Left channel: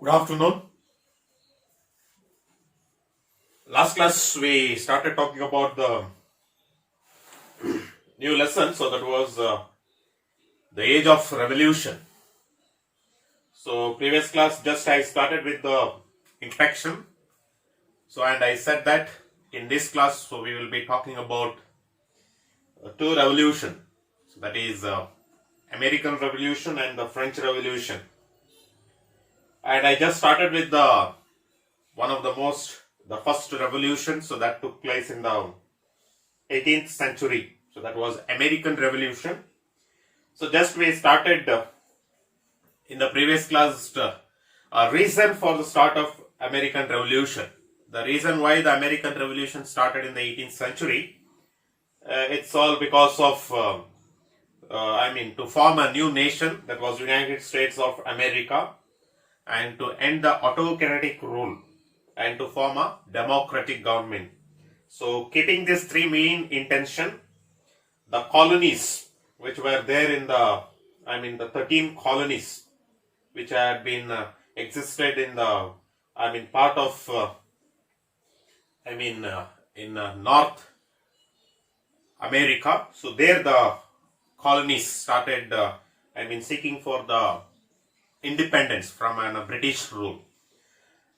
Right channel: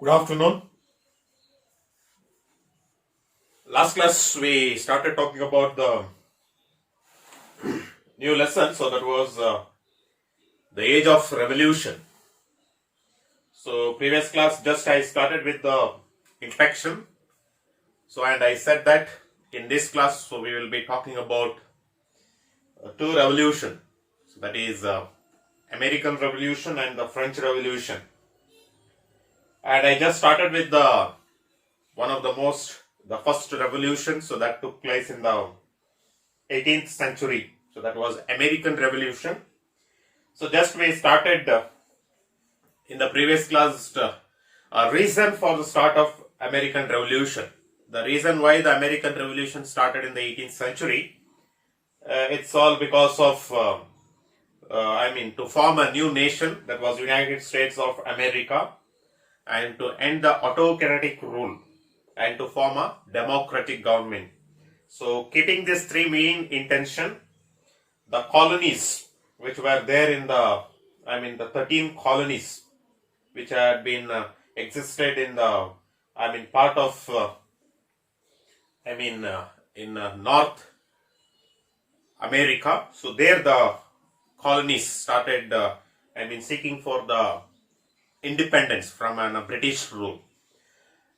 Good afternoon. Last class we started talking about the new lesson, so that was the age of revolution. So previous class just I started with the introduction. So and I said that in this class, so we will be talking about two revolution. So that is American Revolution and the French Revolution. And I just started with the one of the first revolution. So that took place in the 18th century. So that was American Revolution. So just we started in the previous class reason for the start of American Revolution. The reason why the American Revolution started in the 18th century, it's all because of to form a new nation, that was United States of America, and to end the autocratic rule and to form a democratic government. So keeping these three main intention, the colonies which were there in the 13 colonies which had been existed in the part of in North America. So there the colonies started seeking for the independence from British rule.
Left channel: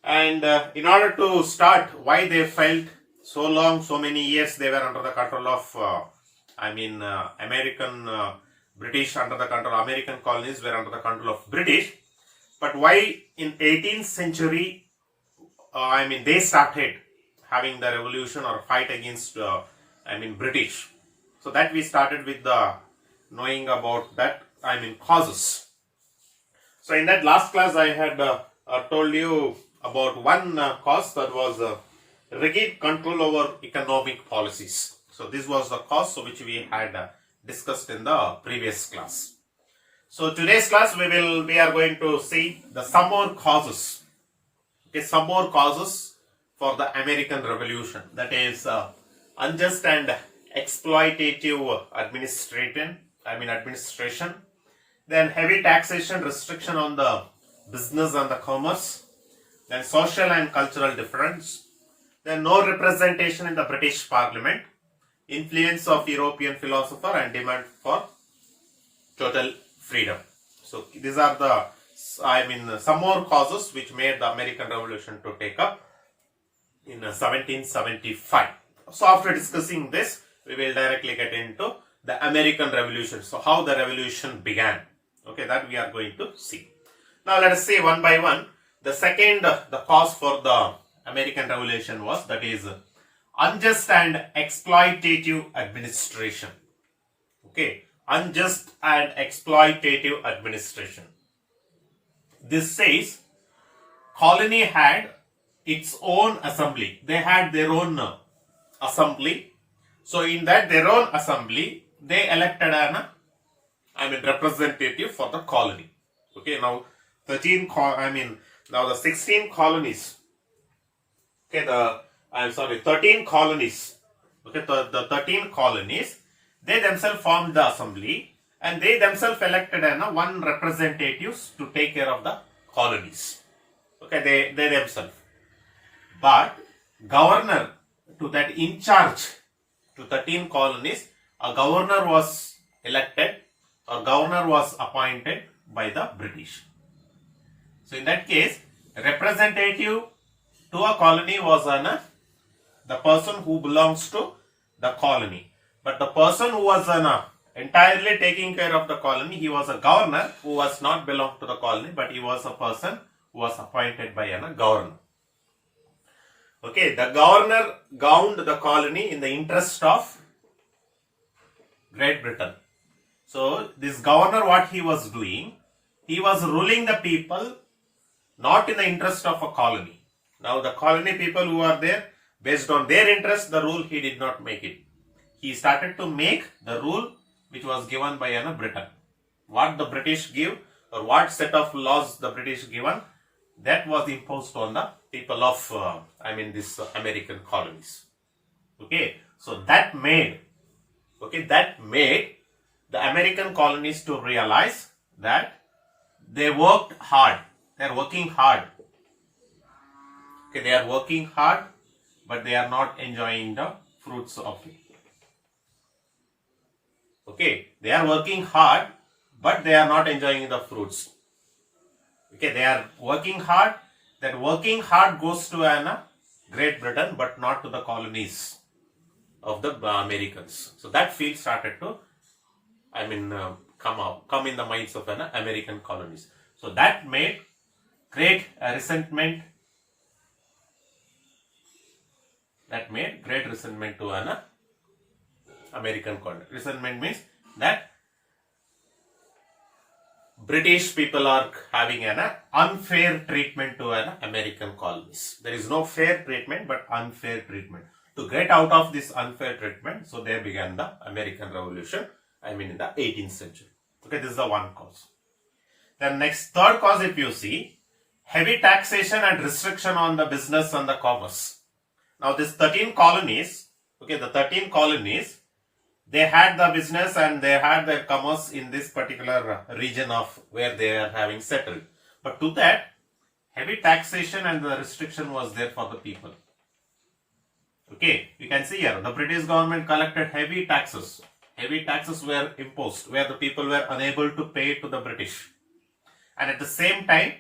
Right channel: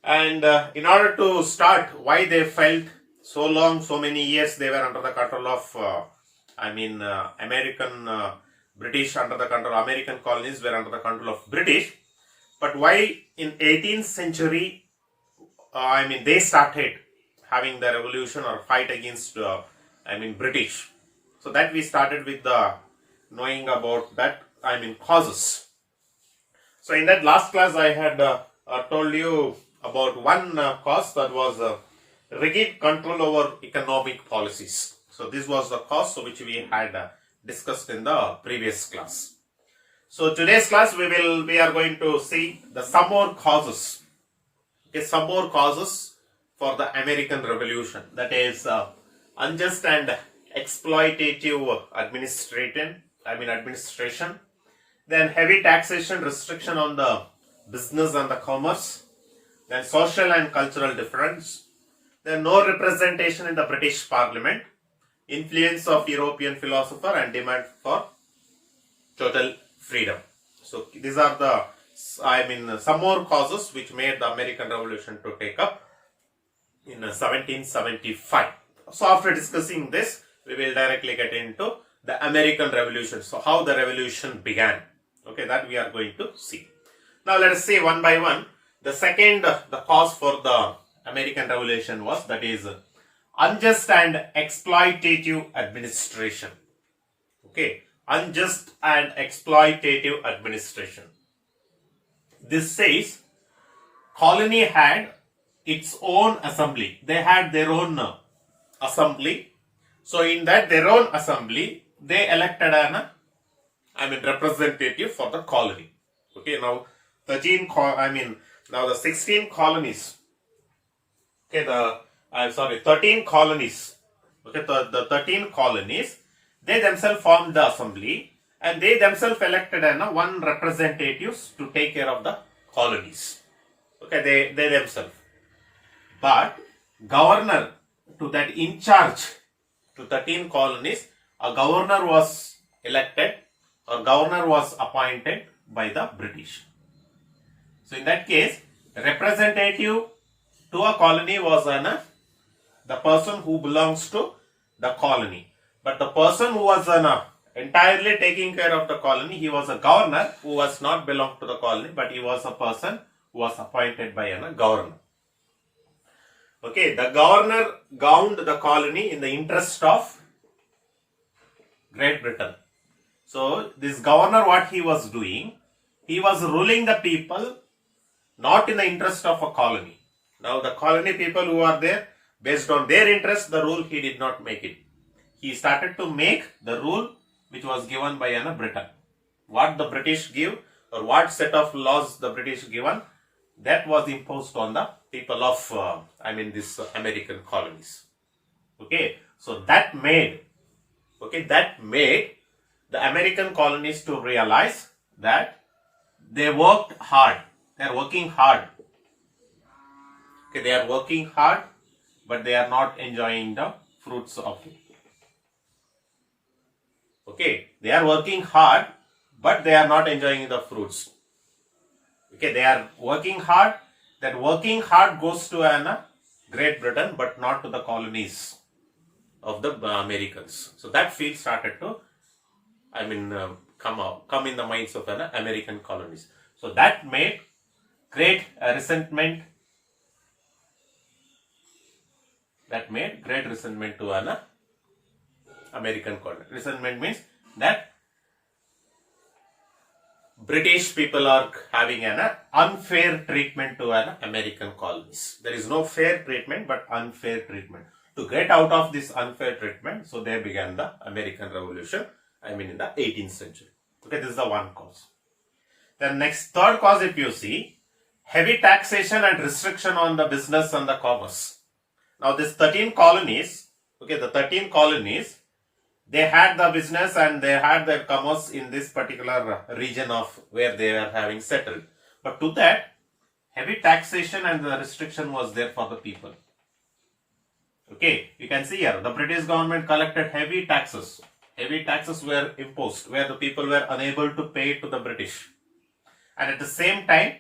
And in order to start, why they felt so long, so many years they were under the control of American British, under the control, American colonies were under the control of British. But why in 18th century, they started having the revolution or fight against British. So that we started with the knowing about that causes. So in that last class I had told you about one cause, that was rigid control over economic policies. So this was the cause which we had discussed in the previous class. So today's class we are going to see some more causes. Okay, some more causes for the American Revolution. That is unjust and exploitative administration. Then heavy taxation, restriction on the business and the commerce. Then social and cultural difference. Then no representation in the British Parliament. Influence of European philosopher and demand for total freedom. So these are the some more causes which made the American Revolution to take up in 1775. So after discussing this, we will directly get into the American Revolution. So how the revolution began. Okay, that we are going to see. Now let us see one by one. The second, the cause for the American Revolution was, that is unjust and exploitative administration. Okay, unjust and exploitative administration. This says colony had its own assembly. They had their own assembly. So in that their own assembly, they elected an representative for the colony. Okay, now the 16 colonies. Okay, 13 colonies. Okay, the 13 colonies, they themselves formed the assembly and they themselves elected one representatives to take care of the colonies. Okay, they themselves. But governor to that in charge to 13 colonies, a governor was elected or governor was appointed by the British. So in that case, representative to a colony was the person who belongs to the colony. But the person who was entirely taking care of the colony, he was a governor who was not belong to the colony, but he was a person who was appointed by a governor. Okay, the governor governed the colony in the interest of Great Britain. So this governor, what he was doing, he was ruling the people not in the interest of a colony. Now the colony people who are there, based on their interest, the rule he did not make it. He started to make the rule which was given by Britain. What the British give or what set of laws the British given, that was imposed on the people of this American colonies. Okay, so that made the American colonies to realize that they worked hard They are working hard. Okay, they are working hard, but they are not enjoying the fruits of it. Okay, they are working hard, but they are not enjoying the fruits. Okay, they are working hard. That working hard goes to Great Britain, but not to the colonies of the Americans. So that feel started to, come in the minds of American colonies. So that made great resentment. That made great resentment to an American colony. Resentment means that British people are having an unfair treatment to an American colonies. There is no fair treatment, but unfair treatment. To get out of this unfair treatment, so there began the American Revolution. In the 18th century. Okay, this is the one cause. Then next, third cause, if you see, heavy taxation and restriction on the business and the commerce. Now, these 13 colonies, okay, the 13 colonies, they had the business and they had the commerce in this particular region of where they are having settled. But to that, heavy taxation and the restriction was there for the people. Okay, you can see here, the British government collected heavy taxes. Heavy taxes were imposed where the people were unable to pay to the British. And at the same time,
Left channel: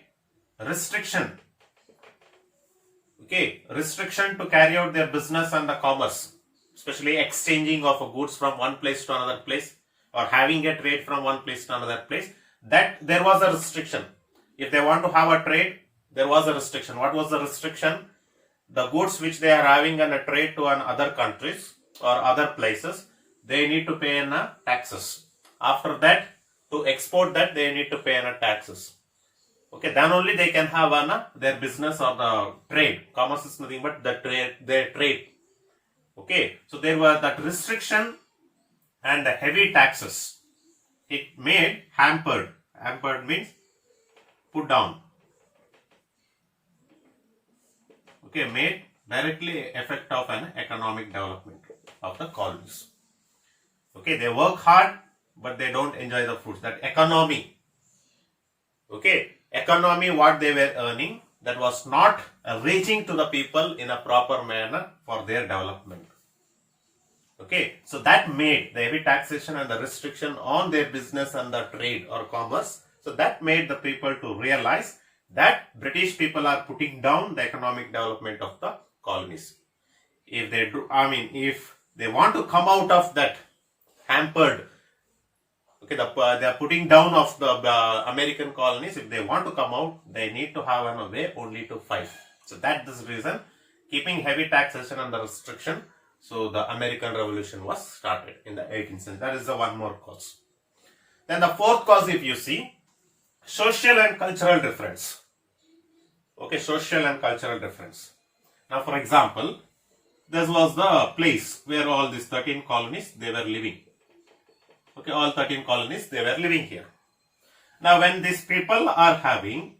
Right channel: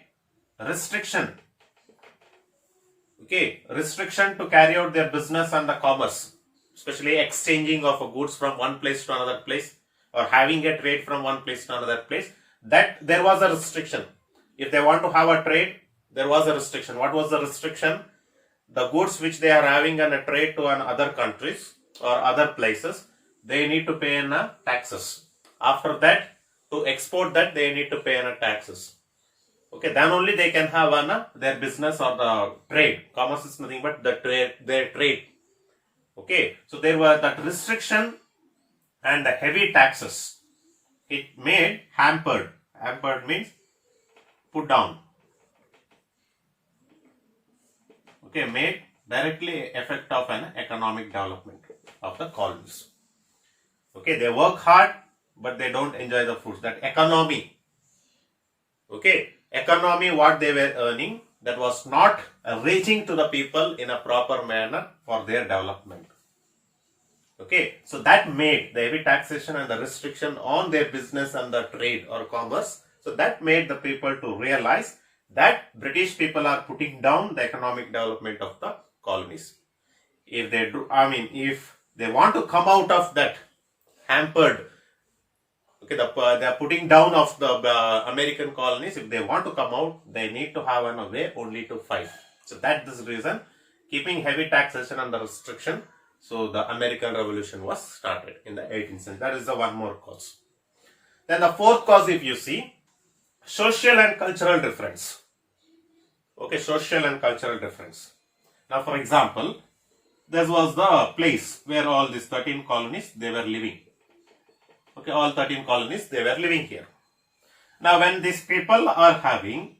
restriction. Okay, restriction to carry out their business and the commerce, especially exchanging of goods from one place to another place or having a trade from one place to another place. That there was a restriction. If they want to have a trade, there was a restriction. What was the restriction? The goods which they are having on a trade to other countries or other places, they need to pay taxes. After that, to export that, they need to pay taxes. Okay, then only they can have their business or the trade. Commerce is nothing but the trade, their trade. Okay, so there was that restriction and the heavy taxes. It made hampered. Hampered means put down. Okay, made directly effect of an economic development of the colonies. Okay, they work hard, but they don't enjoy the fruits. That economy, okay, economy what they were earning, that was not reaching to the people in a proper manner for their development. Okay, so that made the heavy taxation and the restriction on their business and the trade or commerce. So that made the people to realize that British people are putting down the economic development of the colonies. If they do, if they want to come out of that hampered, okay, they are putting down of the American colonies. If they want to come out, they need to have a way only to fight. So that is the reason, keeping heavy taxation and the restriction. So the American Revolution was started in the 18th century. That is the one more cause. Then the fourth cause, if you see, social and cultural difference. Okay, social and cultural difference. Now, for example, this was the place where all these 13 colonies, they were living. Okay, all 13 colonies, they were living here. Now, when these people are having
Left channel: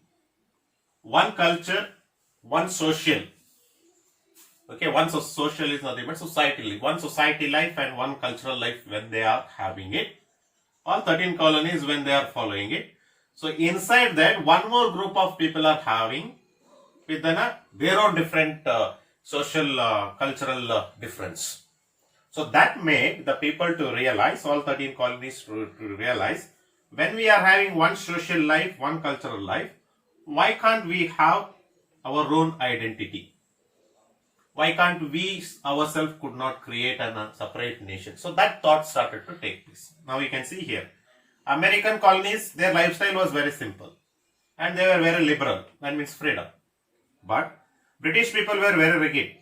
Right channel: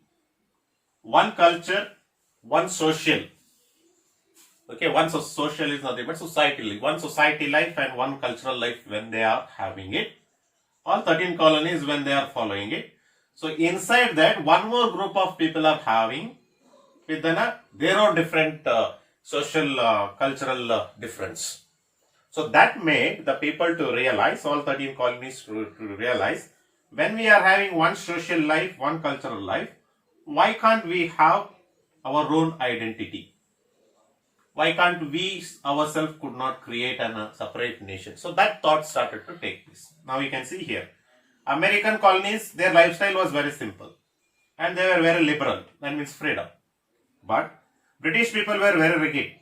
one culture, one social, okay, one social is nothing but society, one society life and one cultural life when they are having it, all 13 colonies when they are following it. So, inside that, one more group of people are having with their own different social, cultural difference. So that made the people to realize, all 13 colonies to realize, when we are having one social life, one cultural life, why can't we have our own identity? Why can't we ourselves could not create a separate nation? So that thought started to take place. Now you can see here, American colonies, their lifestyle was very simple and they were very liberal, that means freedom. But British people were very rigid.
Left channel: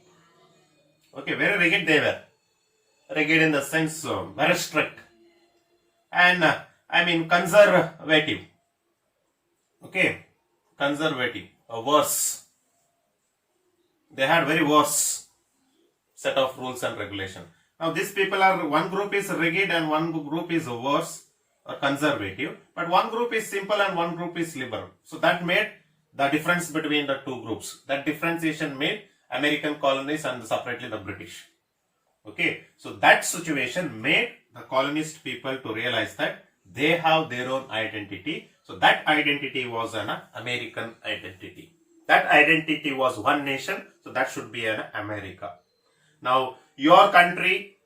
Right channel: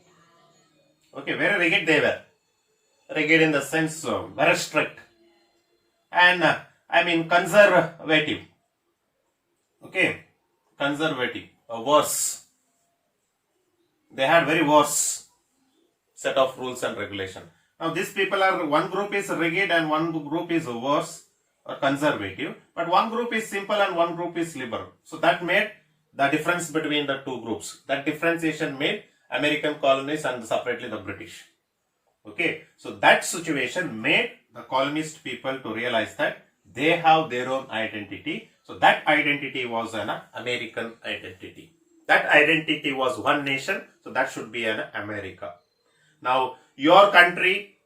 Okay, very rigid they were. Rigid in the sense very strict and conservative. Okay, conservative, worse. They had very worse set of rules and regulation. Now these people are, one group is rigid and one group is worse or conservative, but one group is simple and one group is liberal. So that made the difference between the two groups. That differentiation made American colonies and separately the British. Okay, so that situation made the colonist people to realize that they have their own identity So that identity was an American identity. That identity was one nation, so that should be an America. Now, your country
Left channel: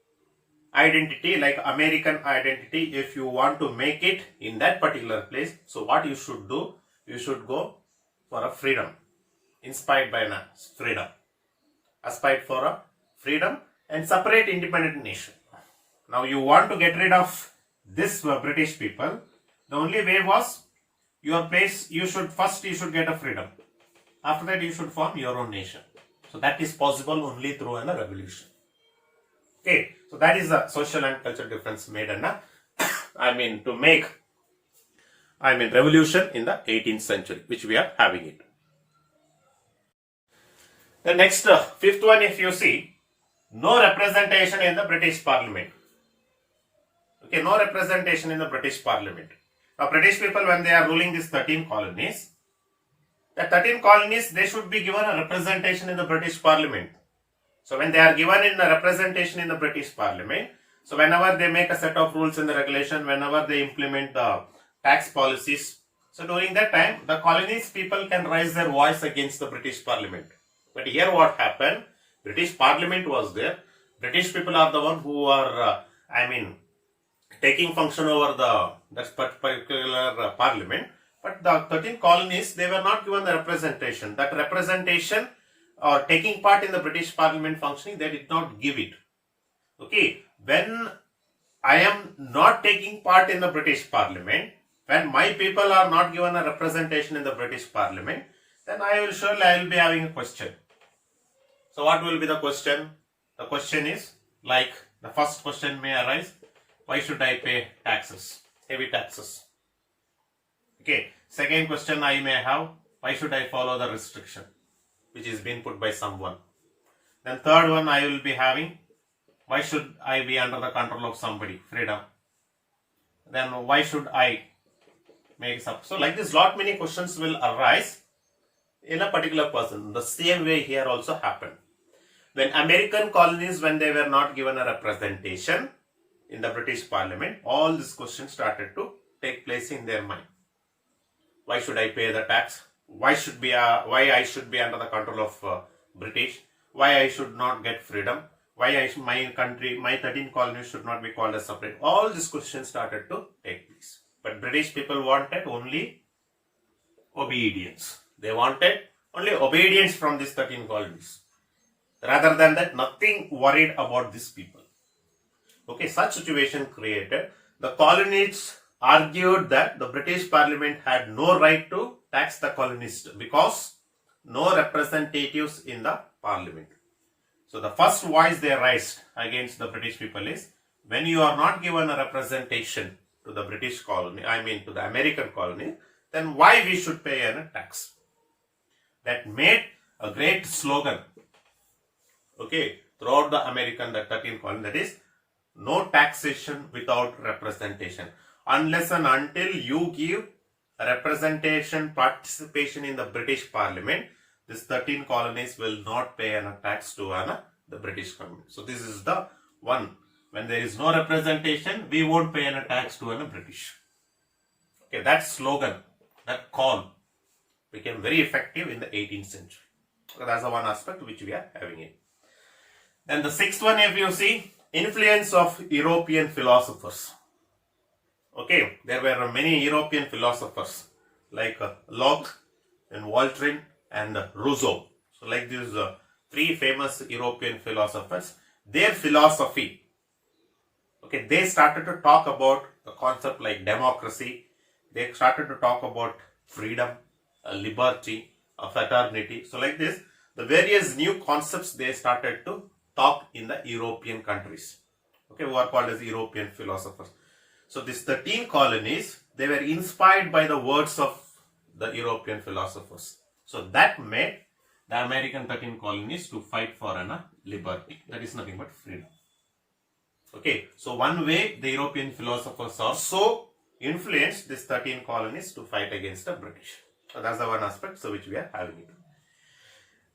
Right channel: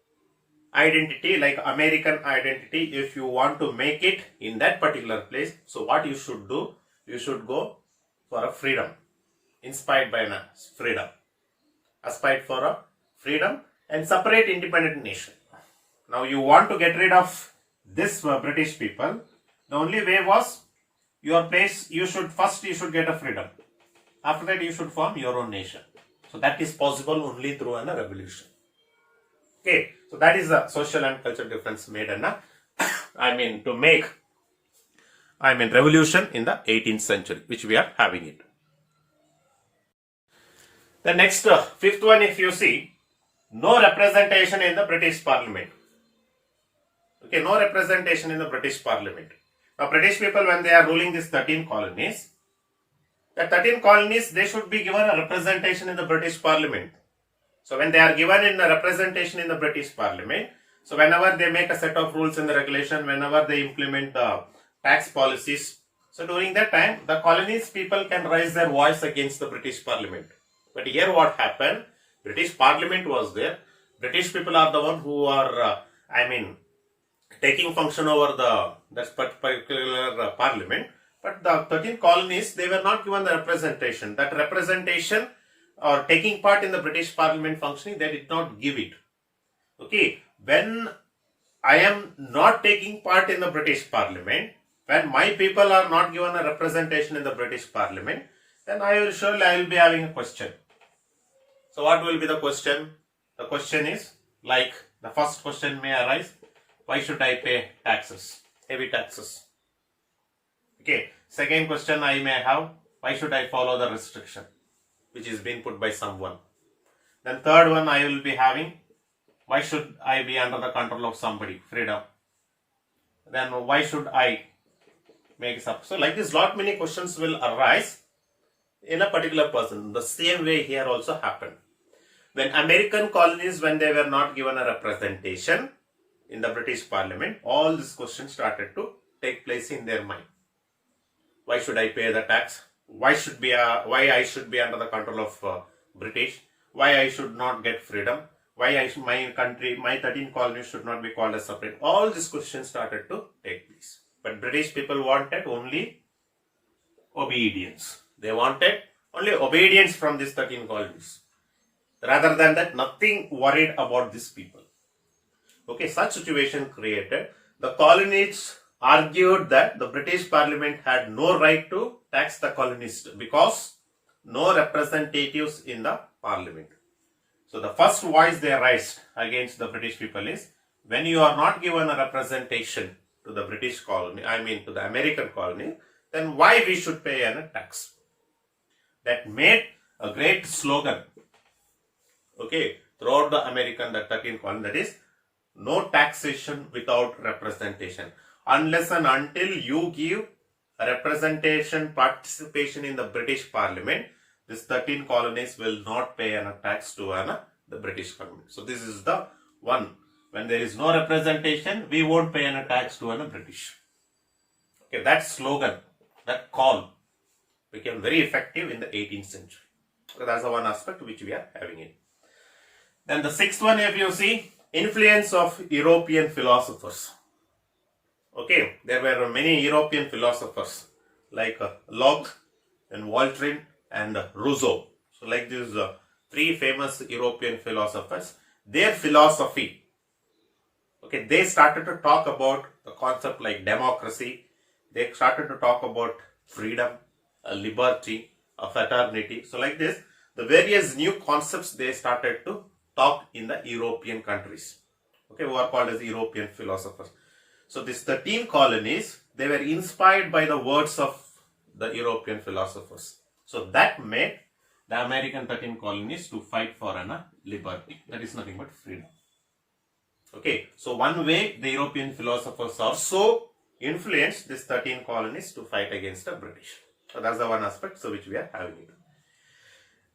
identity, like American identity, if you want to make it in that particular place, so what you should do, you should go for a freedom, inspired by freedom, aspired for a freedom and separate independent nation. Now you want to get rid of this British people. The only way was your place, you should get a freedom. After that you should form your own nation. So that is possible only through a revolution. Okay, so that is the social and cultural difference made to make revolution in the 18th century, which we are having it. The next fifth one, if you see, no representation in the British Parliament. Okay, no representation in the British Parliament. Now, British people, when they are ruling these 13 colonies, the 13 colonies, they should be given a representation in the British Parliament. So, when they are given in a representation in the British Parliament, so whenever they make a set of rules and the regulation, whenever they implement the tax policies, so during that time, the colonies people can raise their voice against the British Parliament. But here what happened, British Parliament was there. British people are the one who are, taking function over that particular parliament. But the 13 colonies, they were not given the representation. That representation or taking part in the British Parliament functioning, they did not give it. Okay, when I am not taking part in the British Parliament, when my people are not given a representation in the British Parliament, then I will be having a question. So what will be the question? The question is, like the first question may arise, why should I pay taxes, heavy taxes? Okay, second question I may have, why should I follow the restriction which is being put by someone? Then third one I will be having, why should I be under the control of somebody, freedom? Then why should I make up? So like this, lot many questions will arise in a particular person. The same way here also happened. When American colonies, when they were not given a representation in the British Parliament, all these questions started to take place in their mind. Why should I pay the tax? Why I should be under the control of British? Why I should not get freedom? Why my country, my 13 colonies should not be called as separate? All these questions started to take place. But British people wanted only obedience. They wanted only obedience from these 13 colonies. Rather than that, nothing worried about these people. Okay, such situation created. The colonists argued that the British Parliament had no right to tax the colonists because no representatives in the Parliament. So the first voice they raised against the British people is, when you are not given a representation to the British colony, to the American colony, then why we should pay a tax? That made a great slogan, okay, throughout the American, the 13 colony, that is, no taxation without representation. Unless and until you give representation, participation in the British Parliament, these 13 colonies will not pay a tax to the British government. So this is the one. When there is no representation, we won't pay a tax to the British. Okay, that slogan, that call became very effective in the 18th century. So that's the one aspect which we are having it. Then the sixth one, if you see, influence of European philosophers. Okay, there were many European philosophers like Locke and Voltaire and Rousseau. So like these three famous European philosophers, their philosophy, okay, they started to talk about the concept like democracy. They started to talk about freedom, liberty, fraternity. So like this, the various new concepts they started to talk in the European countries, okay, who are called as European philosophers. So these 13 colonies, they were inspired by the words of the European philosophers. So that made the American 13 colonies to fight for liberty. That is nothing but freedom. Okay, so one way the European philosophers also influenced these 13 colonies to fight against the British. So that's the one aspect which we are having it.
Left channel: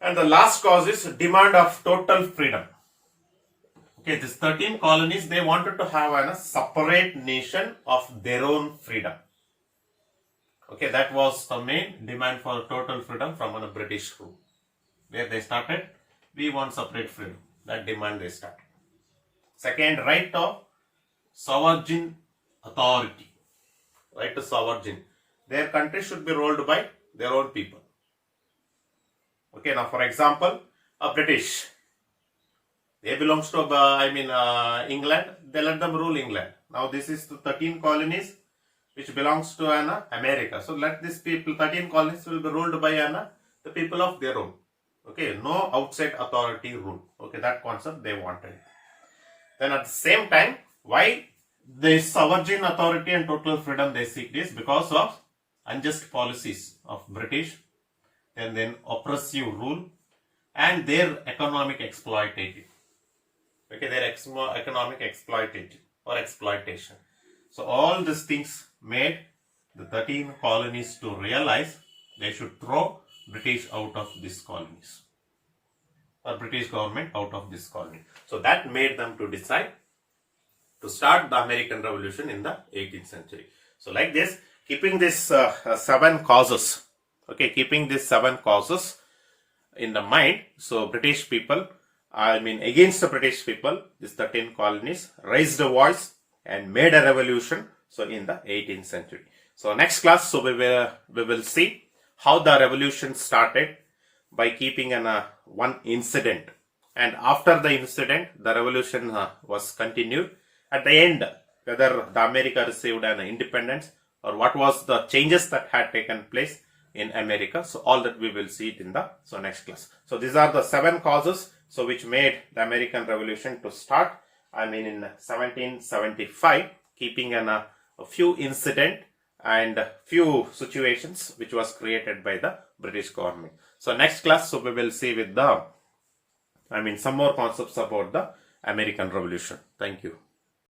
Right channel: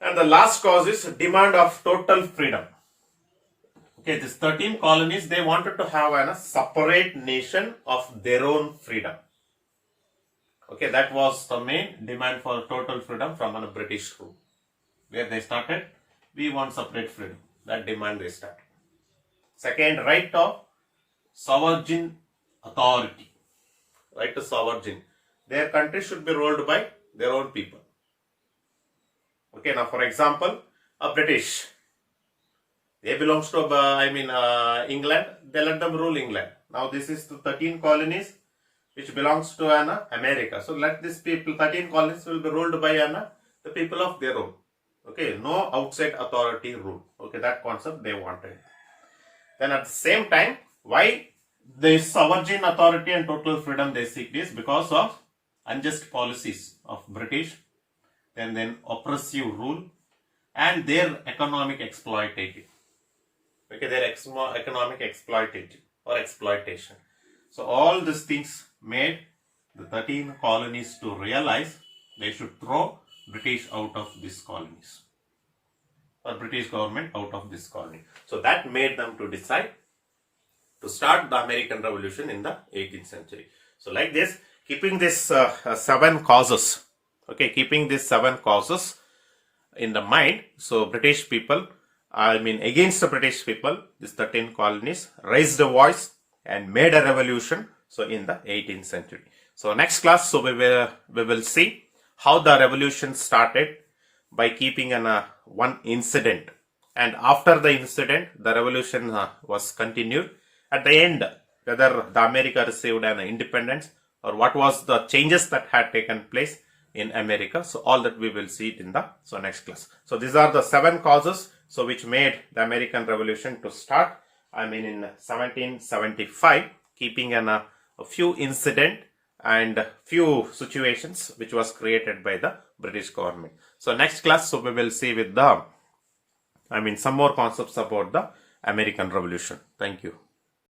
And the last cause is demand of total freedom. Okay, these 13 colonies, they wanted to have a separate nation of their own freedom. Okay, that was the main demand for total freedom from a British rule. Where they started, we want separate freedom. That demand they started. Second, right of sovereign authority. Right to sovereign. Their country should be ruled by their own people. Okay, now for example, a British. They belongs to, England. They let them rule England. Now this is the 13 colonies which belongs to America. So let these people, 13 colonies will be ruled by the people of their own. Okay, no outside authority rule. Okay, that concept they wanted. Then at the same time, why the sovereign authority and total freedom they seek this? Because of unjust policies of British, and then oppressive rule, and their economic exploitative. Okay, their economic exploitative or exploitation. So all these things made the 13 colonies to realize they should throw British out of these colonies, or British government out of this colony. So that made them to decide to start the American Revolution in the 18th century. So like this, keeping this 7 causes, okay, keeping these 7 causes in the mind, so British people, against the British people, these 13 colonies raised a voice and made a revolution, so in the 18th century. So next class, so we will see how the revolution started by keeping one incident, and after the incident the revolution was continued. At the end, whether the America received an independence or what was the changes that had taken place in America. So all that we will see it in the next class. So these are the 7 causes so which made the American Revolution to start in 1775, keeping a few incident and few situations which was created by the British government. So next class, so we will see with the some more concepts about the American Revolution. Thank you.